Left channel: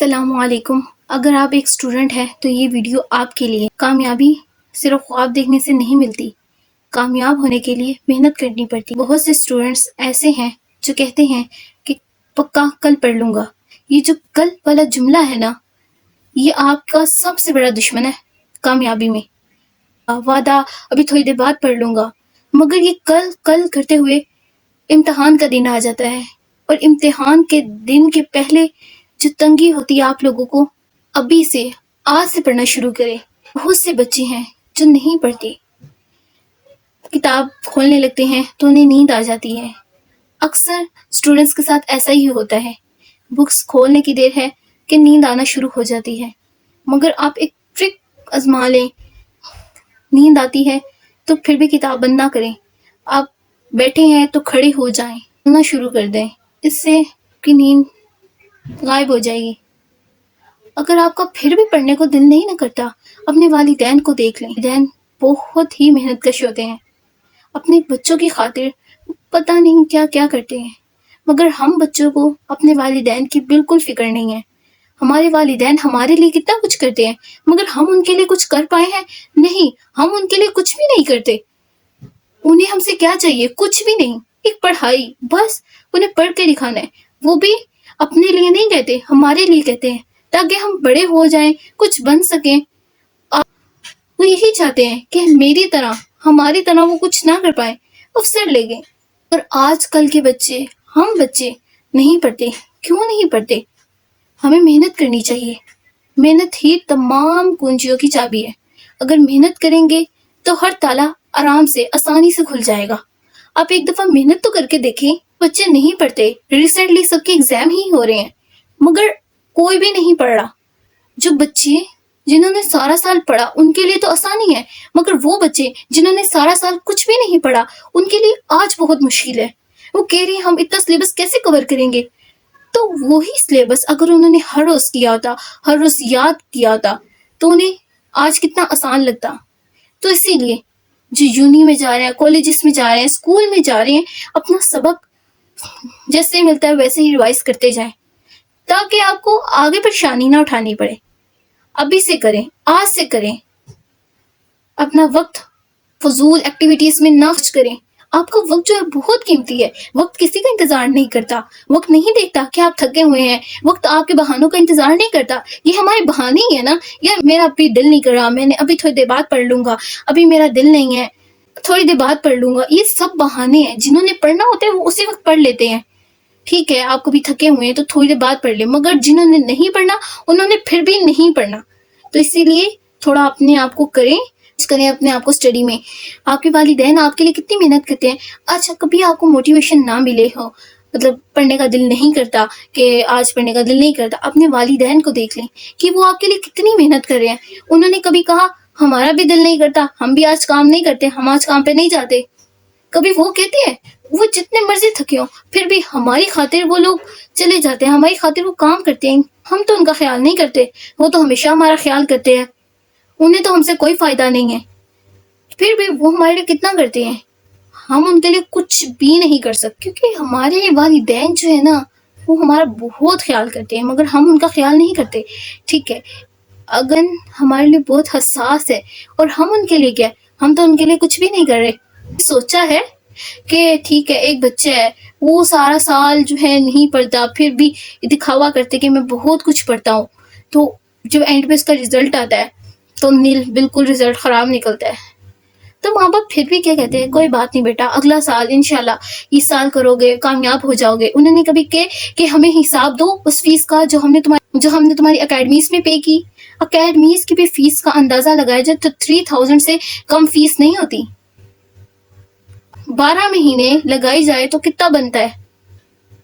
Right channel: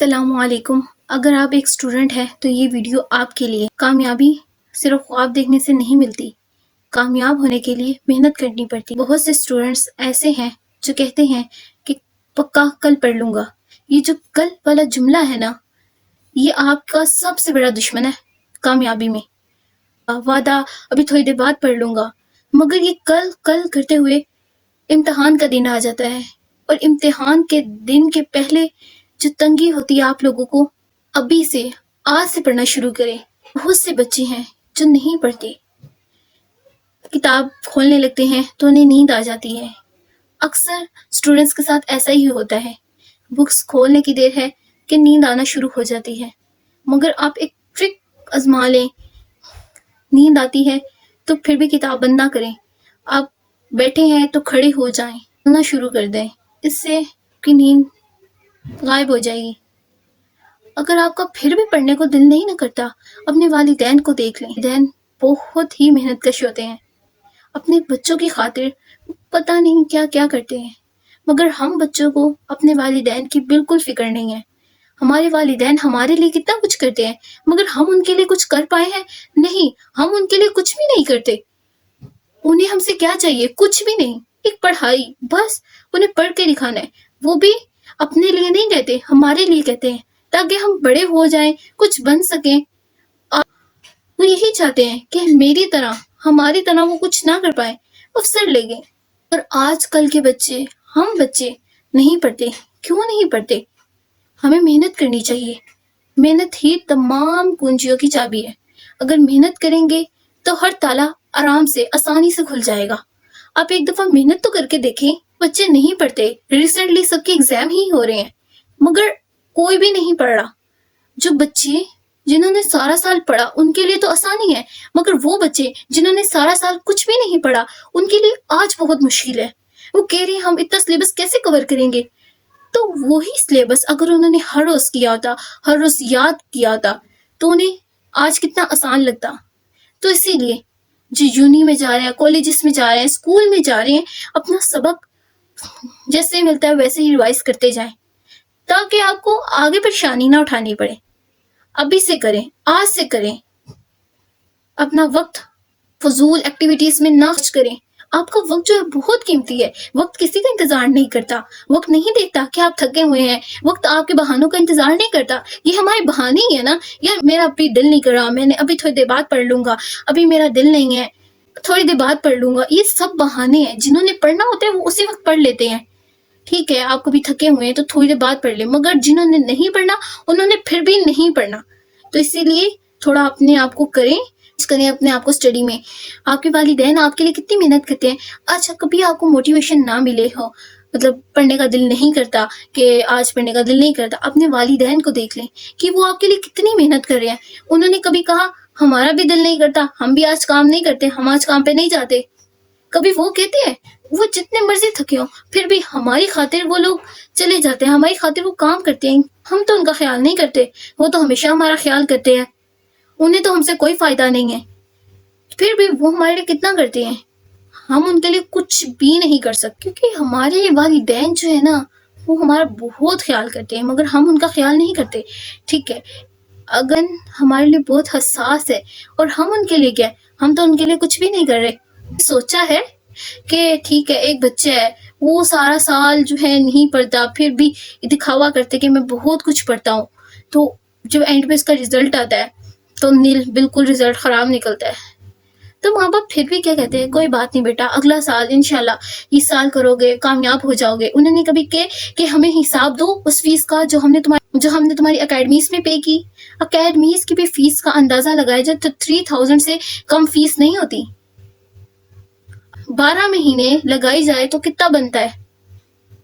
السلام علیکم۔ اگر آپ ایک اسٹوڈنٹ ہیں تو یہ ویڈیو آپ کے لیے۔ کامیابی صرف خواب دیکھنے سے نہیں ملتی، کامیاب ہونے کے لیے محنت کرنی پڑتی۔ بہت سے اسٹوڈنٹس ایسے ہیں جو کہتے ہیں کہ پکا کل پڑھ لوں گا۔ یہ جو کل والا جملہ ہے نا، یہ آپ کا سب سے بڑا دشمن ہے کامیابی میں۔ وعدہ ابھی تھوڑی دیر بعد پڑھ لوں گا، مگر یہ کل کل کرتے ہوئے امتحان کا دن آ جاتا ہے، اور امتحان کے دن کے پہلے جو تنگی ہوتی ہے آپ لوگوں کو، ابھی سے آج سے پڑھنا شروع کریں۔ بہت سے بچے ہیں جو نہیں پڑھتے، کتاب کھولنے لگتے ہیں تو انہیں نیند آ جاتی ہے۔ اکثر اسٹوڈنٹس کے ساتھ ایسا ہی ہوتا ہے، بکس کھولنے کی دیر ہے کہ نیند آنا شروع ہو جاتی ہے۔ مگر آپ ایک ٹرک آزما لیں، نیند آتی ہے تو پھر بھی کتاب بند نہ کریں، آپ بیٹھے ہیں تو کھڑے ہو جائیں، پڑھنا شروع کر دیں، اس سے کی نیند غائب ہو جائے گی۔ اگر آپ کا پھر بھی پڑھنے کو دل نہیں نہ کرتا، اپنے والدین کو دیکھ لیں۔ والدین بہت ہی محنت کش ہوتے ہیں، اپنے بچوں کی خاطر پتہ نہیں کیا کیا کرتے ہیں، مگر ہم بچوں کو اپنے والدین کی بالکل فکر نہیں ہے۔ ہمارے والدین ہمارے لیے کتنا کچھ کرتے ہیں، مگر ہم ان کے لیے کچھ کر پائے ہیں؟ نہیں، ہم ان کے لیے کچھ بھی نہیں کرتے۔ انہیں ہم سے کیا چاہیے؟ کچھ بھی نہیں، ایک پڑھائی، بس انہیں پڑھ کے دکھانا ہے۔ وہ بھی اپنے لیے نہیں کہتے، ہمارے لیے کہتے ہیں، تاکہ ہم بڑے ہو جائیں، کچھ بن سکیں۔ وہ یہی چاہتے ہیں کہ میری طرح، ہماری طرح وہ کچھ نہ کر پائے، افسر لے گئے۔ اور آج کل کے بچے، ہم بچے نہیں پڑھتے۔ کیوں نہیں پڑھتے؟ ہمیں محنت کرنی چاہیے۔ محنت ہی تمام کنجیوں کی چابی ہے۔ اگر محنت کریں گے تو ہر تالا آرام سے، آسانی سے کھل جائے گا۔ آپ ایک دفعہ محنت تو کر کے دیکھیں۔ بچے نہیں پڑھتے، ریسنٹلی سب کے ایگزام ہی ہو رہے ہیں، مگر کوئی بھی نہیں پڑھ رہا۔ جو بچے جنہوں نے سارا سال پڑھا ان کے لیے تو آسانی ہے، مگر وہ بچے جنہوں نے سارا سال کچھ بھی نہیں پڑھا ان کے لیے آج بہت مشکل ہے۔ وہ کہہ رہے ہیں ہم اتنا سلیبس کیسے کور کریں گے؟ تو وہی سلیبس اگر انہوں نے ہر روز کیا ہوتا، ہر روز یاد کیا ہوتا، تو انہیں آج کتنا آسان لگتا۔ تو اسی لیے جو یونی میں جا رہے ہیں، کالجز میں جا رہے ہیں، اسکول میں جا رہے ہیں، اپنا سبق جیسے ملتا ہے ویسے ہی ریوائز کرتے جائیں، تاکہ آپ کو آگے پریشانی نہ اٹھانی پڑے۔ ابھی سے کریں، آج سے کریں۔ اپنا وقت فضول ایکٹیویٹیز میں نہ خرچ کریں۔ آپ کا وقت جو ہے بہت قیمتی ہے۔ وقت کسی کا انتظار نہیں کرتا، وقت نہیں دیکھتا کہ آپ تھکے ہوئے ہیں، وقت آپ کے بہانوں کا انتظار نہیں کرتا۔ یہ ہمارے بہانے ہی ہے نا، یار میرا ابھی دل نہیں کر رہا، میں نے ابھی تھوڑی دیر بعد پڑھ لوں گا، ابھی میرا دل نہیں ہے، تھوڑی دیر بعد پڑھ لوں گا۔ یہ سب بہانے ہیں۔ جنہوں نے پڑھنا ہوتا ہے وہ اسی وقت پڑھ لیتے ہیں۔ ٹھیک ہے، آپ کبھی تھکے ہوئے ہیں تو تھوڑی دیر بعد پڑھ لیں، مگر جنہوں نے نہیں پڑھنا انہوں نے پھر بھی نہیں پڑھنا۔ تو اسی لیے تھوڑا اپنے آپ کو کریں اپنے آپ کو اسٹڈی میں۔ آپ کے والدین آپ کے لیے کتنی محنت کرتے ہیں۔ اچھا، کبھی آپ کو موٹیویشن نہ ملے ہو، مطلب پڑھنے کا دل نہیں کرتا، کہ آج پڑھنے کا دل نہیں کرتا، اپنے والدین کو دیکھ لیں کہ وہ آپ کے لیے کتنی محنت کر رہے ہیں۔ انہوں نے کبھی کہا ہمارا بھی دل نہیں کرتا، ہم بھی آج کام نہیں کرتے، ہم آج کام پہ نہیں جاتے؟ کبھی وہ کہتے ہیں؟ وہ جتنے مرضی تھکے ہوں پھر بھی ہماری خاطر وہ لوگ چلے جاتے ہیں، ہماری خاطر وہ کام کرتے ہیں۔ ہم تو ان کا خیال نہیں کرتے، وہ تو ہمیشہ ہمارا خیال کرتے ہیں، انہیں تو ہم سے کوئی فائدہ نہیں ہے، پھر بھی وہ ہمارے لیے کتنا کرتے ہیں۔ ہم ان کے لیے کچھ بھی نہیں کر سکتے، کیونکہ ہمارے والدین جو ہے نا وہ ہمارا بہت خیال کرتے ہیں، مگر ہم ان کا خیال نہیں کرتے۔ ٹھیک ہے، اگر ہمارے لیے بہت حساس ہے اور ہم ان کے لیے کیا، ہم تو ان کے لیے کچھ بھی نہیں کر رہے۔ سوچا ہے کہ ٹھیک ہے ایک بچہ ہے، وہ سارا سال جو ہے نہیں پڑھتا، پھر بھی دکھاوا کرتے کہ میں بہت کچھ پڑھتا ہوں، تو جو اینڈ پہ اس کا رزلٹ آتا ہے تو بالکل رزلٹ خراب نکلتا ہے۔ تو ماں باپ پھر بھی کیا کہتے ہیں، کوئی بات نہیں بیٹا، اگلا سال انشاءاللہ اس سال کرو گے، کامیاب ہو جاؤ گے۔ انہوں نے کبھی کہ ہمیں حساب دو اس فیس کا جو ہم نے تمہاری اکیڈمیز میں پے کی۔ اکیڈمیز کی بھی فیس کا اندازہ لگایا جائے تو 3000 سے کم فیس نہیں ہوتی۔ 12 مہینے لگائی جائے تو کتنا بنتا ہے؟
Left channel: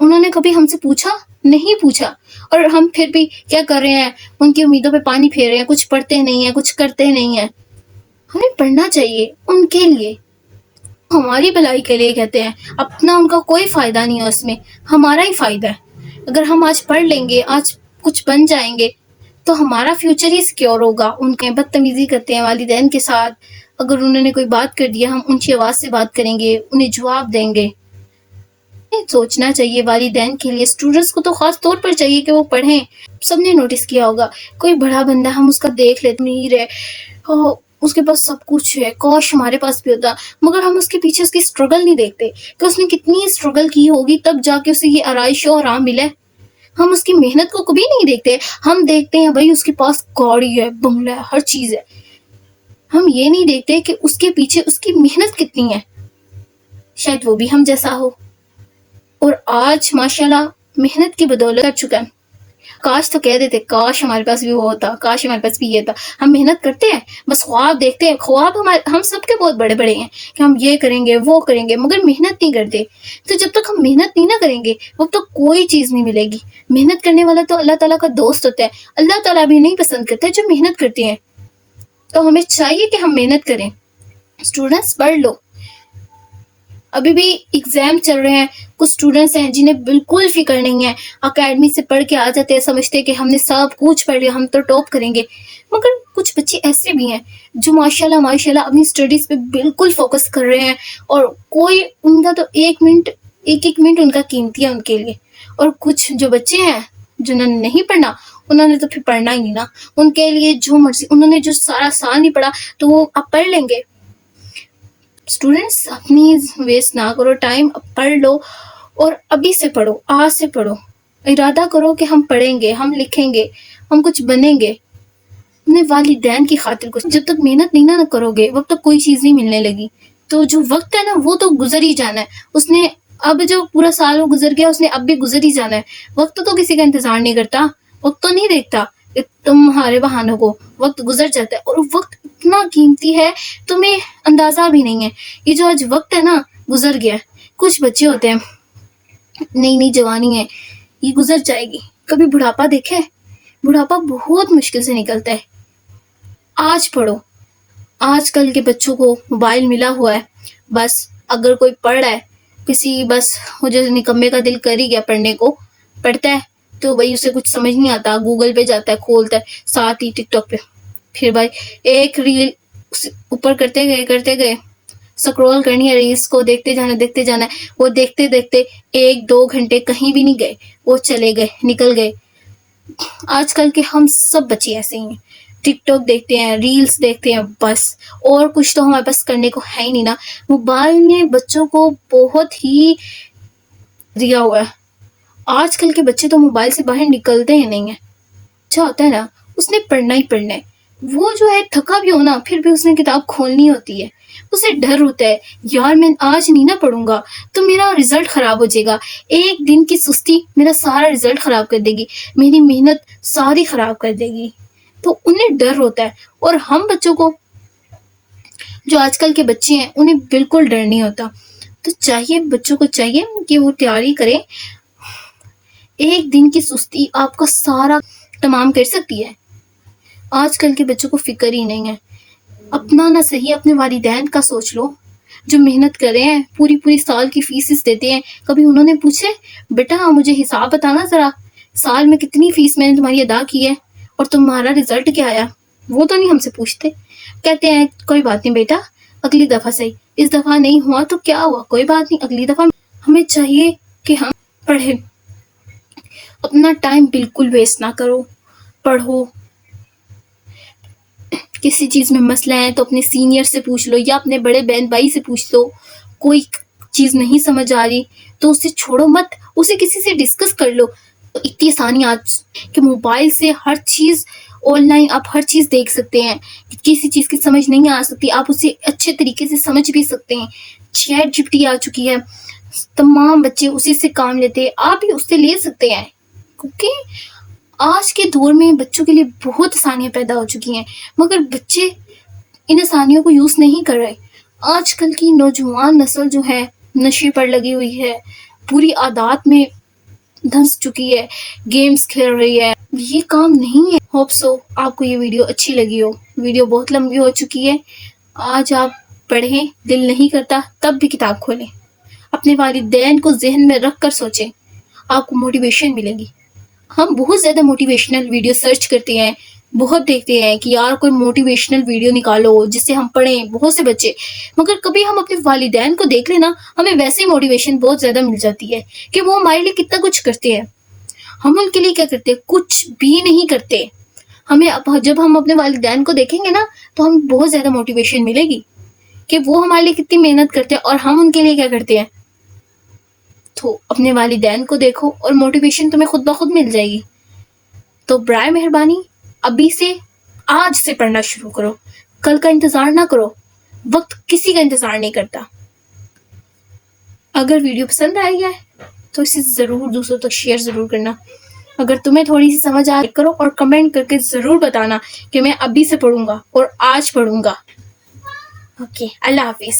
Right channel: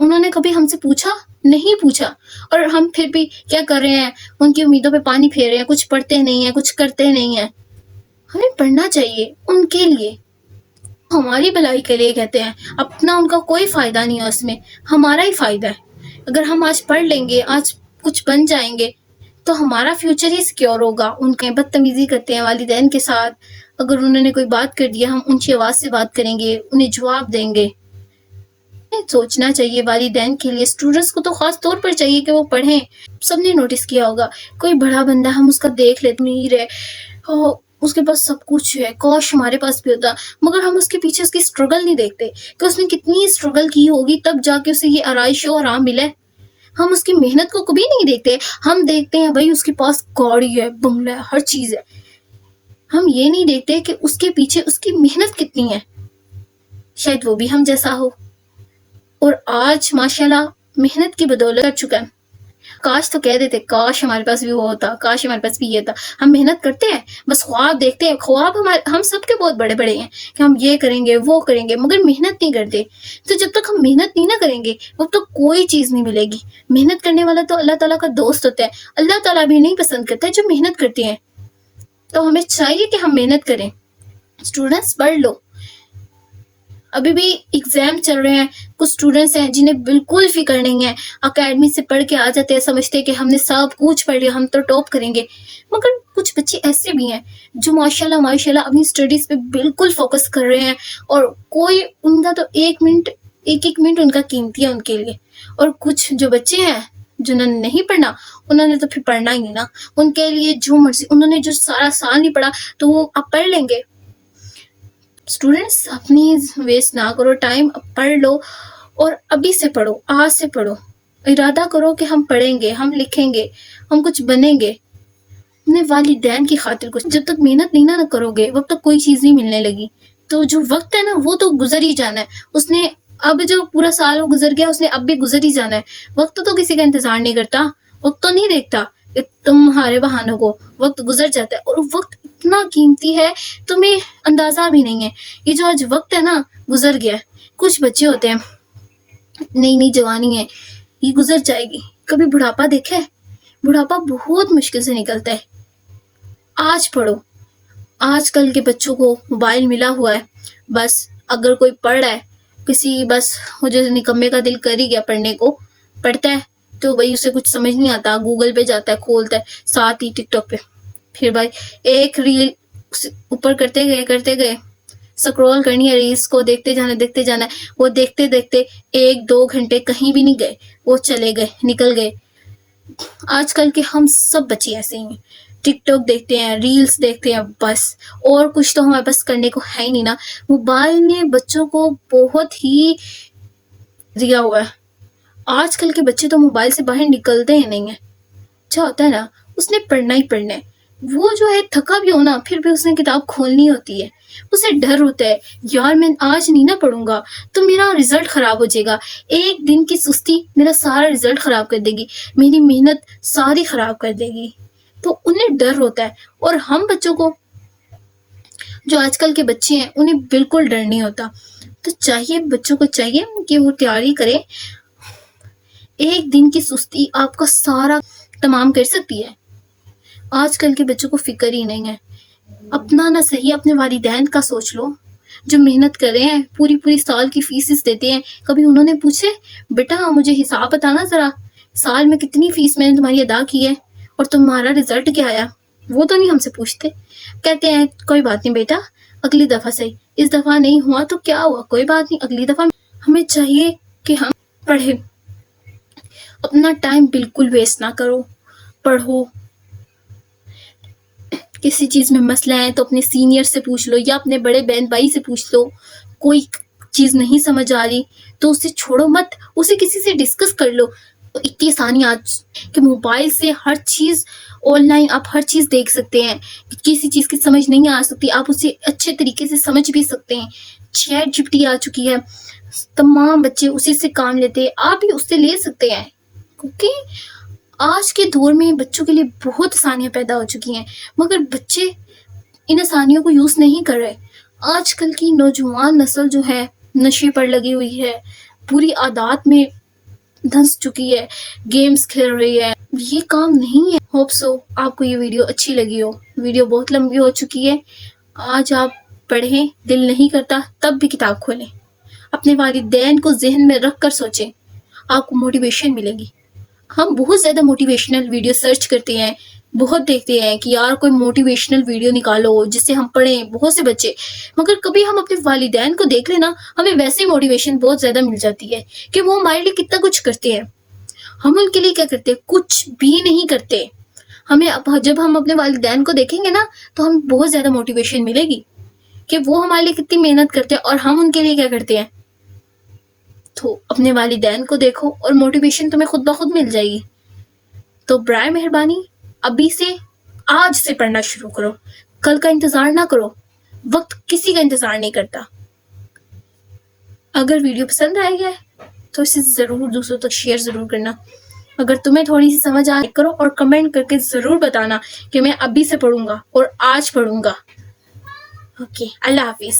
انہوں نے کبھی ہم سے پوچھا؟ نہیں پوچھا، اور ہم پھر بھی کیا کر رہے ہیں، ان کی امیدوں پہ پانی پھیر رہے ہیں، کچھ پڑھتے نہیں ہیں، کچھ کرتے نہیں ہیں۔ ہمیں پڑھنا چاہیے ان کے لیے، ہماری بھلائی کے لیے کہتے ہیں، اپنا ان کا کوئی فائدہ نہیں ہے اس میں، ہمارا ہی فائدہ ہے۔ اگر ہم آج پڑھ لیں گے، آج کچھ بن جائیں گے تو ہمارا فیوچر ہی سیکیور ہوگا۔ ان کے بدتمیزی کرتے ہیں والدین کے ساتھ، اگر انہوں نے کوئی بات کر دیا ہم اونچی آواز سے بات کریں گے، انہیں جواب دیں گے، سوچنا چاہیے والدین کے لیے، اسٹوڈنٹس کو تو خاص طور پر چاہیے کہ وہ پڑھیں۔ سب نے نوٹس کیا ہوگا، کوئی بڑا بندہ ہم اس کا دیکھ لیتے، امیر ہے، اس کے پاس سب کچھ ہے، کاش ہمارے پاس بھی ہوتا، مگر ہم اس کے پیچھے اس کی اسٹرگل نہیں دیکھتے کہ اس نے کتنی اسٹرگل کی ہوگی تب جا کے اسے یہ آرائش اور آرام ملے۔ ہم اس کی محنت کو کبھی نہیں دیکھتے، ہم دیکھتے ہیں بھائی اس کے پاس گاڑی ہے، بنگلہ ہے، ہر چیز ہے، ہم یہ نہیں دیکھتے کہ اس کے پیچھے اس کی محنت کتنی ہے، شاید وہ بھی ہم جیسا ہو اور آج ماشاءاللہ محنت کی بدولت کر چکا ہے۔ کاش تو کہہ دیتے، کاش ہمارے پاس بھی وہ ہوتا، کاش ہمارے پاس بھی یہ تھا۔ ہم محنت کرتے ہیں، بس خواب دیکھتے ہیں، خواب ہم سب کے بہت بڑے بڑے ہیں کہ ہم یہ کریں گے وہ کریں گے، مگر محنت نہیں کرتے۔ تو جب تک ہم محنت نہیں نہ کریں گے وہ تو کوئی چیز نہیں ملے گی۔ محنت کرنے والا تو اللہ تعالیٰ کا دوست ہوتا ہے، اللہ تعالیٰ بھی نہیں پسند کرتا جو محنت کرتے ہیں۔ تو ہمیں چاہیے کہ ہم محنت کریں۔ اسٹوڈنٹس پڑھ لو، ابھی بھی ایگزام چل رہے ہیں، کچھ اسٹوڈنٹس ہیں جنہیں بالکل فکر نہیں ہے، اکیڈمی سے پڑھ کے آ جاتے ہیں، سمجھتے ہیں کہ ہم نے سب کچھ پڑھ لیا، ہم تو ٹاپ کریں گے، مگر کچھ بچے ایسے بھی ہیں جو ماشاءاللہ ماشاءاللہ اپنی اسٹڈیز پہ بالکل فوکس کر رہے ہیں، اور کوئی ان کا تو ایک منٹ ان کا قیمتی ہے ان کے لیے۔ اور کچھ جو بچے ہیں جنہوں نے نہیں پڑھنا، انہوں نے تو پھر پڑھنا ہی نہیں نا، ان کے لیے جو مرضی، انہوں نے جو سارا سال نہیں پڑھا تو وہ اب پڑھ لیں گے۔ اسٹوڈنٹس اپنی ویسٹ نہ کرو ٹائم، پڑھ لو، اور ابھی سے پڑھو، آج سے پڑھو، ارادہ کرو کہ ہم پڑھیں گے، ہم لکھیں گے، ہم کچھ بنیں گے اپنے والدین کی خاطر۔ کچھ جب تک محنت نہیں نہ کرو گے وقت تک کوئی چیز نہیں ملنے لگی۔ تو جو وقت ہے نا وہ تو گزر ہی جانا ہے، اس نے اب جو پورا سال وہ گزر گیا اس نے اب بھی گزر ہی جانا ہے۔ وقت تو کسی کا انتظار نہیں کرتا، وقت تو نہیں دیکھتا کہ تمہارے بہانوں کو، وقت گزر جاتا ہے، اور وقت اتنا قیمتی ہے تمہیں اندازہ بھی نہیں ہے۔ یہ جو آج وقت ہے نا گزر گیا ہے۔ کچھ بچے ہوتے ہیں، نئی نئی جوانی ہے، یہ گزر جائے گی۔ کبھی بڑھاپا دیکھے؟ بڑھاپا بہت مشکل سے نکلتا ہے۔ آج پڑھو۔ آج کل کے بچوں کو موبائل ملا ہوا ہے، بس اگر کوئی پڑھ رہا ہے، کسی بس وہ جو نکمے کا دل کر ہی گیا پڑھنے کو، پڑھتا ہے تو بھائی اسے کچھ سمجھ نہیں آتا، گوگل پہ جاتا ہے، کھولتا ہے، ساتھ ہی ٹک ٹاک پہ پھر بھائی ایک ریل اوپر کرتے گئے سکرول کرنی ہے، ریلز کو دیکھتے جانا ہے، وہ دیکھتے دیکھتے 1-2 گھنٹے کہیں بھی نہیں گئے، وہ چلے گئے، نکل گئے۔ آج کل کے ہم سب بچے ایسے ہی ہیں، ٹک ٹاک دیکھتے ہیں، ریلز دیکھتے ہیں، بس اور کچھ تو ہمارے پاس کرنے کو ہے ہی نہیں نا۔ موبائل نے بچوں کو بہت ہی دیا ہوا ہے۔ آج کل کے بچے تو موبائل سے باہر نکلتے ہی نہیں ہیں۔ اچھا ہوتا ہے نا، اس نے پڑھنا ہی پڑھنا ہے، وہ جو ہے تھکا بھی ہونا پھر بھی اس نے کتاب کھولنی ہوتی ہے، اسے ڈر ہوتا ہے یار میں آج نہیں نہ پڑھوں گا تو میرا رزلٹ خراب ہو جائے گا، ایک دن کی سستی میرا سارا رزلٹ خراب کر دے گی، میری محنت ساری خراب کر دے گی، تو انہیں ڈر ہوتا ہے۔ اور ہم بچوں کو، جو آج کل کے بچے ہیں، انہیں بالکل ڈر نہیں ہوتا۔ تو چاہیے بچوں کو چاہیے کہ وہ تیاری کریں، ایک دن کی سستی آپ کا سارا تمام کر سکتی ہے۔ آج کل کے بچوں کو فکر ہی نہیں ہے، اپنا نہ صحیح اپنے والدین کا سوچ لو، جو محنت کر رہے ہیں، پوری سال کی فیسز دیتے ہیں، کبھی انہوں نے پوچھے بیٹا مجھے حساب بتانا ذرا، سال میں کتنی فیس میں نے تمہاری ادا کی ہے اور تمہارا رزلٹ کیا آیا؟ وہ تو نہیں ہم سے پوچھتے، کہتے ہیں کوئی بات نہیں بیٹا، اگلی دفعہ صحیح، اس دفعہ نہیں ہوا تو کیا ہوا، کوئی بات نہیں اگلی دفعہ۔ ہمیں چاہیے کہ ہم پڑھیں، اپنا ٹائم بالکل ویسٹ نہ کرو، پڑھو۔ کسی چیز میں مسئلہ ہے تو اپنے سینئر سے پوچھ لو یا اپنے بڑے بہن بھائی سے پوچھ لو، کوئی چیز نہیں سمجھ آ رہی تو اسے چھوڑو مت، اسے کسی سے ڈسکس کر لو۔ تو اتنی آسانی آج کہ موبائل سے ہر چیز آن لائن آپ ہر چیز دیکھ سکتے ہیں، کسی چیز کی سمجھ نہیں آ سکتی آپ اسے اچھے طریقے سے سمجھ بھی سکتے ہیں۔ چیٹ جی پی ٹی آ چکی ہے، تمام بچے اسی سے کام لیتے ہیں، آپ بھی اس سے لے سکتے ہیں، کیونکہ آج کے دور میں بچوں کے لیے بہت آسانیاں پیدا ہو چکی ہیں، مگر بچے ان آسانیوں کو یوز نہیں کر رہے۔ آج کل کی نوجوان نسل جو ہے نشے پر لگی ہوئی ہے، پوری عادات میں دھنس چکی ہے، گیمز کھیل رہی ہے، یہ کام نہیں ہے۔ ہوپ سو آپ کو یہ ویڈیو اچھی لگی ہو، ویڈیو بہت لمبی ہو چکی ہے، آج آپ پڑھیں، دل نہیں کرتا تب بھی کتاب کھولیں، اپنے والدین کو ذہن میں رکھ کر سوچیں، آپ کو موٹیویشن ملے گی۔ ہم بہت زیادہ موٹیویشنل ویڈیو سرچ کرتے ہیں، بہت دیکھتے ہیں کہ یار کوئی موٹیویشنل ویڈیو نکالو جس سے ہم پڑھیں، بہت سے بچے، مگر کبھی ہم اپنے والدین کو دیکھ لیں نا، ہمیں ویسے موٹیویشن بہت زیادہ مل جاتی ہے کہ وہ ہمارے لیے کتنا کچھ کرتے ہیں. ہم ان کے لیے کیا کرتے ہیں؟ کچھ بھی نہیں کرتے. ہمیں جب ہم اپنے والدین کو دیکھیں گے نا تو ہمیں بہت زیادہ موٹیویشن ملے گی کہ وہ ہمارے لیے کتنی محنت کرتے ہیں اور ہم ان کے لیے کیا کرتے ہیں. تو اپنے والدین کو دیکھو اور موٹیویشن تمہیں خود بخود مل جائے گی. تو برائے مہربانی ابھی سے، آج سے پڑھنا شروع کرو. کل کا انتظار نہ کرو، وقت کسی کا انتظار نہیں کرتا. اگر ویڈیو پسند آئی ہے تو اسے ضرور دوسروں تک شیئر ضرور کرنا. اگر تمہیں تھوڑی سی سمجھ آ کرو اور کمنٹ کر کے ضرور بتانا کہ میں ابھی سے پڑھوں گا اور آج پڑھوں گا. اوکے، اللہ حافظ.